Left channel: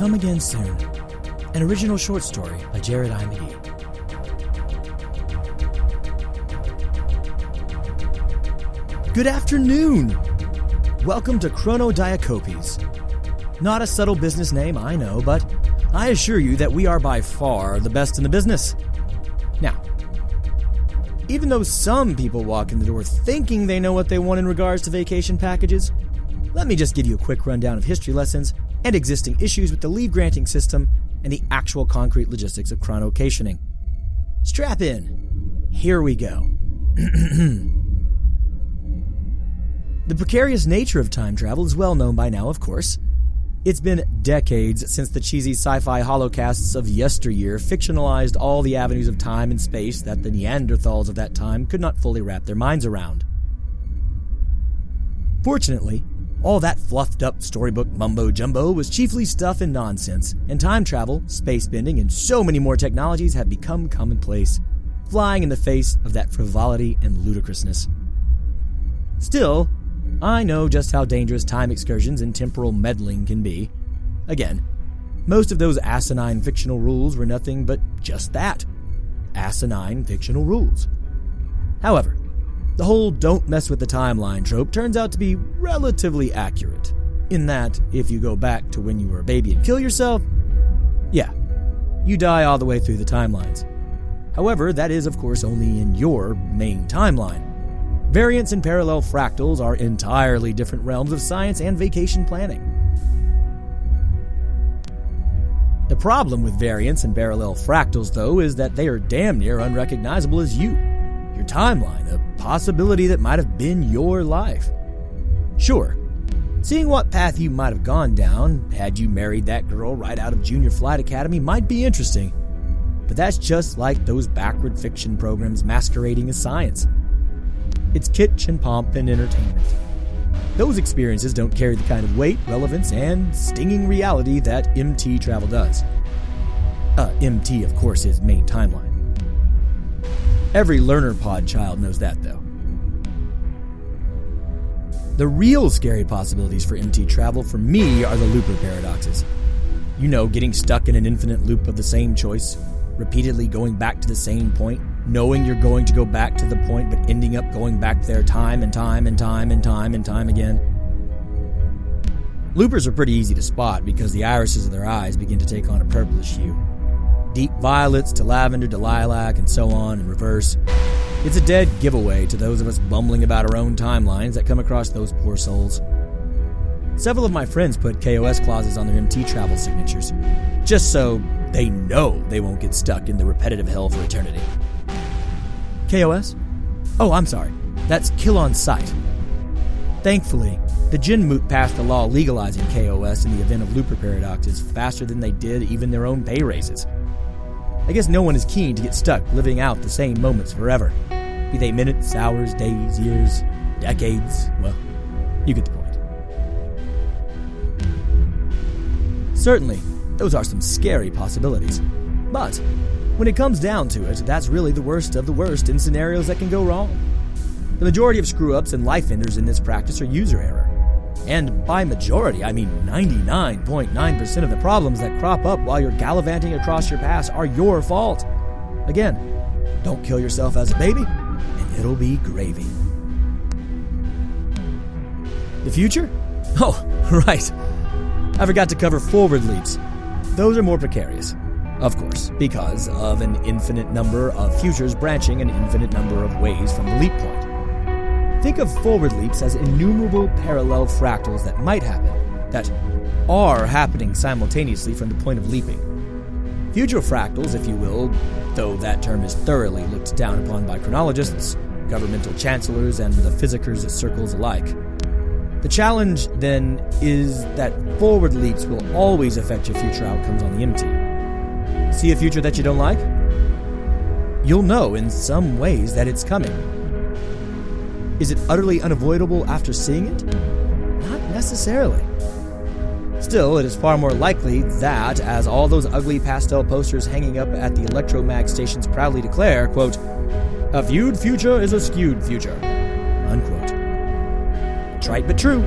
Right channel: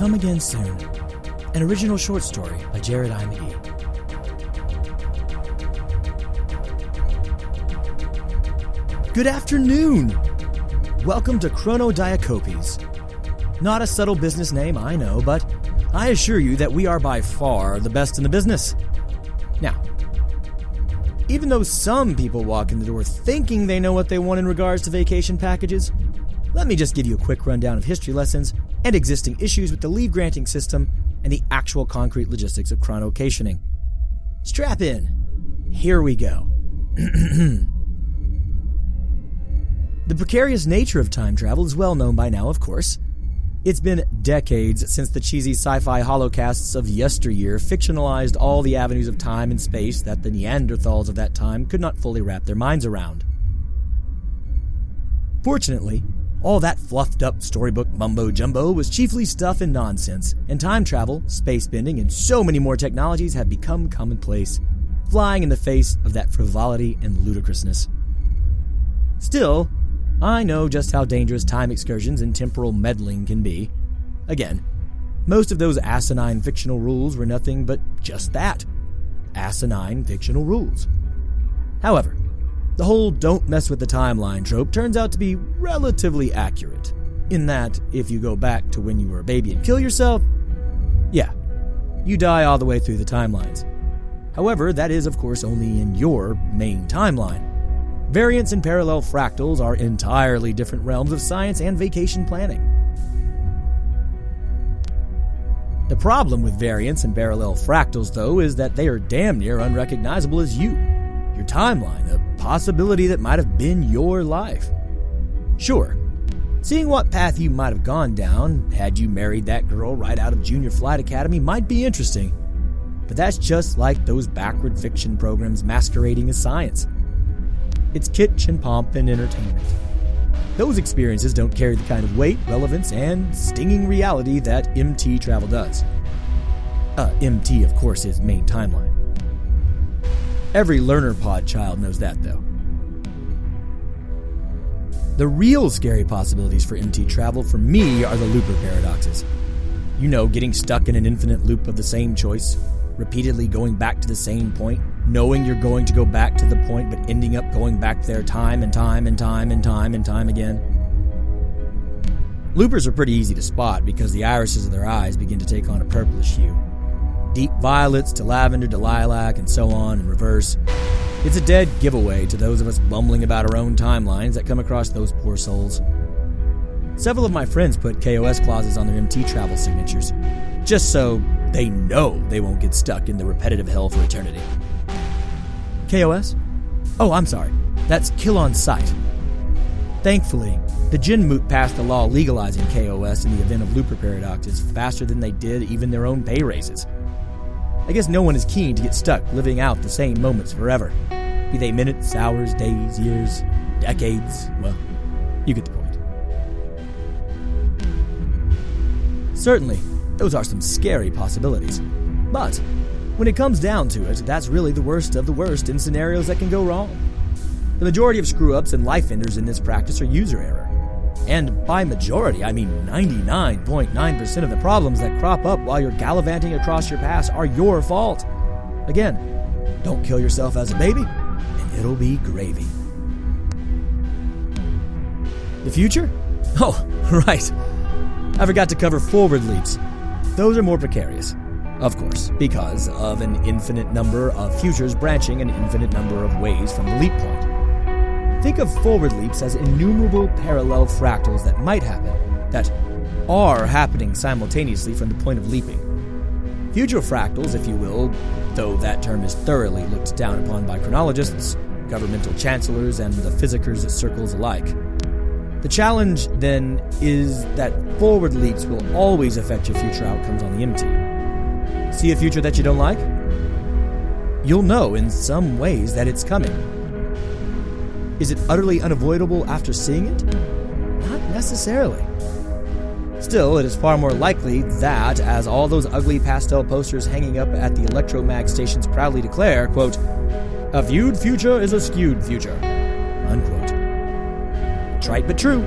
Come Again Soon, an original short story by Jared I. McGee. Good afternoon! Welcome to Chronodiacopes. Not a subtle business name, I know, but I assure you that we are by far the best in the business. Now, even though some people walk in the door thinking they know what they want in regards to vacation packages, let me just give you a quick rundown of history lessons and existing issues with the leave-granting system and the actual concrete logistics of chronocationing. Strap in. Here we go. The precarious nature of time travel is well known by now, of course. It's been decades since the cheesy sci-fi holocasts of yesteryear fictionalized all the avenues of time and space that the Neanderthals of that time could not fully wrap their minds around. Fortunately, all that fluffed-up storybook mumbo-jumbo was chiefly stuff and nonsense, and time travel, space bending, and so many more technologies have become commonplace, flying in the face of that frivolity and ludicrousness. Still, I know just how dangerous time excursions and temporal meddling can be. Again, most of those asinine fictional rules were nothing but just that. Asinine fictional rules. However, the whole don't mess with the timeline trope turns out to be relatively accurate, in that if you go back to when you were a baby and kill yourself, yeah, you die all the way through the timelines. However, that is of course only in your main timeline. Variants and parallel fractals are entirely different realms of science and vacation planning. The problem with variants and parallel fractals, though, is that they are damn near unrecognizable as you. Your timeline, a possibility that might have been your life. Sure, seeing what path you might have gone down had you married that girl right out of Junior Flight Academy might be interesting, but that's just like those backward fiction programs masquerading as science. It's kitsch and pomp and entertainment. Those experiences don't carry the kind of weight, relevance, and stinging reality that MT travel does. MT, of course, is main timeline. Every learner pod child knows that, though. The real scary possibilities for MT travel for me are the looper paradoxes. You know, getting stuck in an infinite loop of the same choice, repeatedly going back to the same point, knowing you're going to go back to the point, but ending up going back there time and time and time and time and time again. Loopers are pretty easy to spot because the irises of their eyes begin to take on a purplish hue. Deep violets to lavender to lilac and so on in reverse. It's a dead giveaway to those of us bumbling about our own timelines that come across those poor souls. Several of my friends put KOS clauses on their MT travel signatures, just so they know they won't get stuck in the repetitive hell for eternity. KOS? Oh, I'm sorry. That's kill on sight. Thankfully, the Jinmoot passed a law legalizing KOS in the event of looper paradoxes faster than they did even their own pay raises. I guess no one is keen to get stuck living out the same moments forever. Be they minutes, hours, days, years, decades. Well, you get the point. Certainly, those are some scary possibilities. But when it comes down to it, that's really the worst of the worst in scenarios that can go wrong. The majority of screw-ups and life enders in this practice are user error. And by majority, I mean 99.9% of the problems that crop up while you're gallivanting across your past are your fault. Again, don't kill yourself as a baby, and it'll be gravy. The future? Oh, right. I forgot to cover forward leaps. Those are more precarious. Of course, because of an infinite number of futures branching an infinite number of ways from the leap point. Think of forward leaps as innumerable parallel fractals that might happen, that are happening simultaneously from the point of leaping. Future fractals, if you will, though that term is thoroughly looked down upon by chronologists, governmental chancellors, and the physicers at circles alike. The challenge, then, is that forward leaps will always affect your future outcomes on the MT. See a future that you don't like? You'll know in some ways that it's coming. Is it utterly unavoidable after seeing it? Not necessarily. Still, it is far more likely that, as all those ugly pastel posters hanging up at the electromag stations proudly declare, quote, "A viewed future is a skewed future," unquote. Trite but true.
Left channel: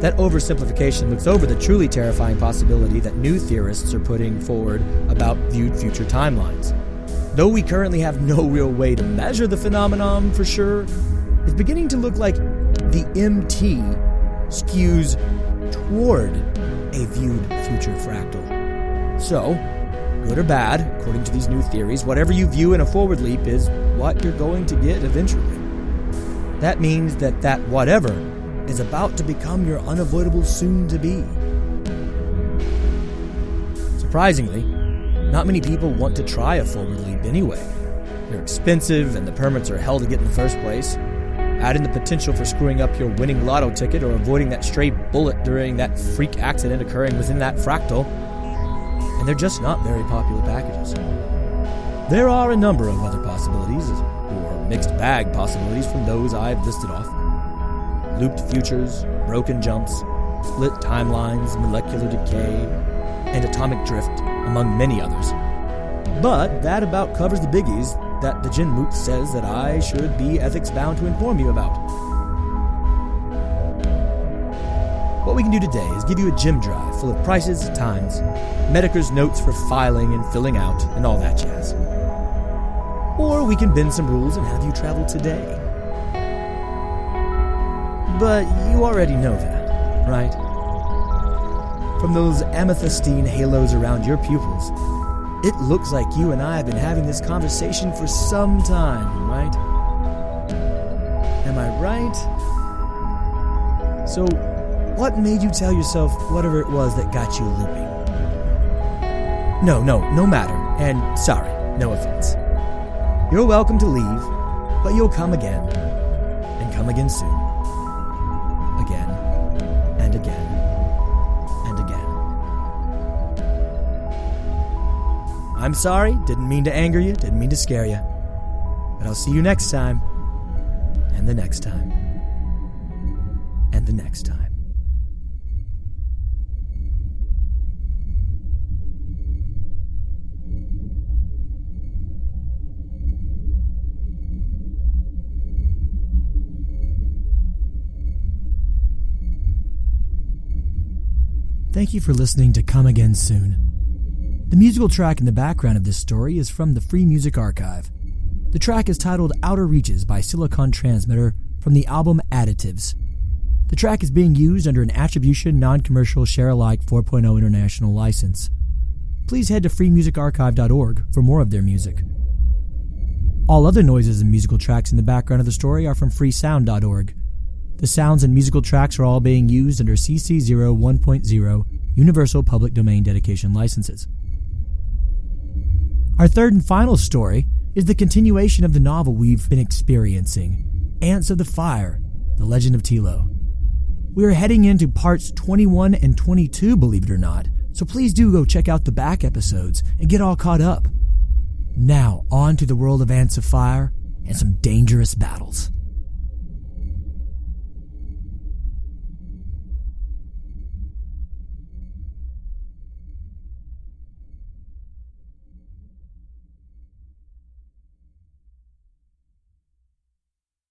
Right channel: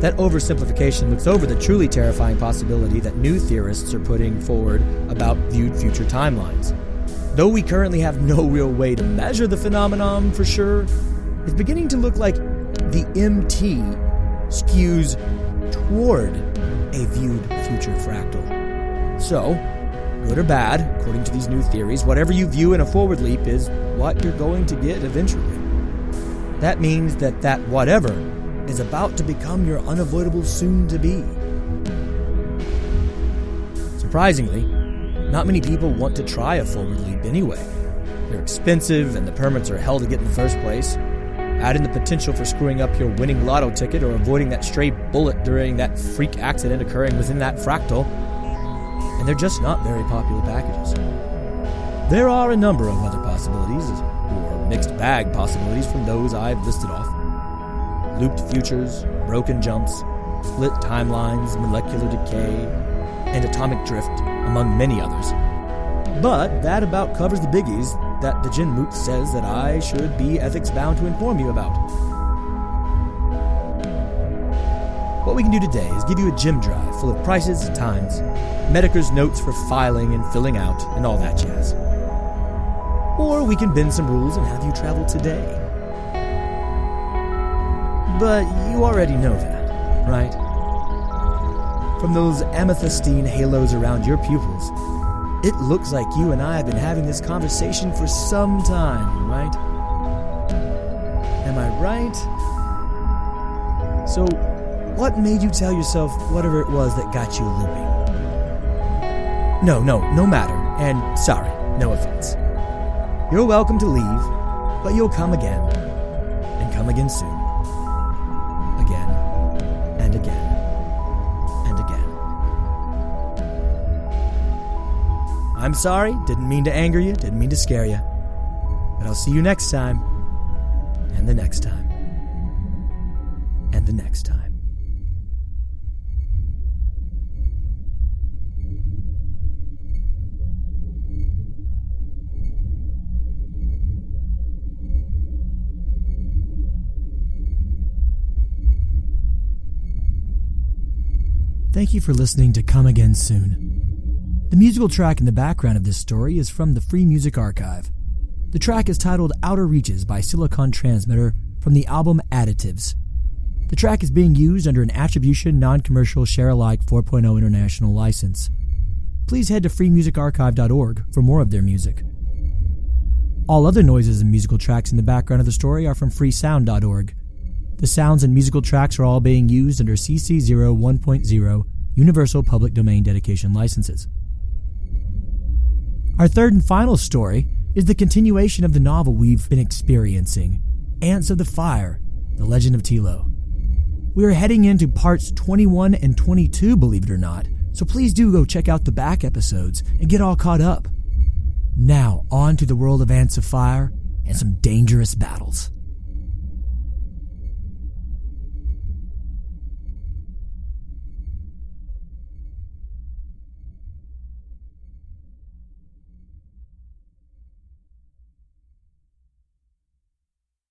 That oversimplification looks over the truly terrifying possibility that new theorists are putting forward about viewed future timelines. Though we currently have no real way to measure the phenomenon for sure, it's beginning to look like the MT skews toward a viewed future fractal. So, good or bad, according to these new theories, whatever you view in a forward leap is what you're going to get eventually. That means that whatever is about to become your unavoidable soon-to-be. Surprisingly, not many people want to try a forward leap anyway. They're expensive and the permits are hell to get in the first place. Add in the potential for screwing up your winning lotto ticket or avoiding that stray bullet during that freak accident occurring within that fractal, and they're just not very popular packages. There are a number of other possibilities, or mixed bag possibilities from those I've listed off. Looped futures, broken jumps, split timelines, molecular decay, and atomic drift, among many others. But that about covers the biggies that the Jinmoot says that I should be ethics-bound to inform you about. What we can do today is give you a gem drive full of prices, times, Medicare's notes for filing and filling out, and all that jazz. Or we can bend some rules and have you travel today. But you already know that, right? From those amethystine halos around your pupils, it looks like you and I have been having this conversation for some time, right? Am I right? So, what made you tell yourself whatever it was that got you looping? No matter, and sorry, no offense. You're welcome to leave, but you'll come again, and come again soon. Again, and again, and again. I'm sorry, didn't mean to anger you, didn't mean to scare you. But I'll see you next time, and the next time, and the next time. Thank you for listening to Come Again Soon. The musical track in the background of this story is from the Free Music Archive. The track is titled Outer Reaches by Silicon Transmitter from the album Additives. The track is being used under an Attribution Non-Commercial Share-alike 4.0 international license. Please head to freemusicarchive.org for more of their music. All other noises and musical tracks in the background of the story are from freesound.org. The sounds and musical tracks are all being used under CC 01.0 Universal Public Domain Dedication licenses. Our third and final story is the continuation of the novel we've been experiencing, Ants of the Fire, The Legend of Tilo. We are heading into parts 21 and 22, believe it or not, so please do go check out the back episodes and get all caught up. Now, on to the world of Ants of Fire and some dangerous battles.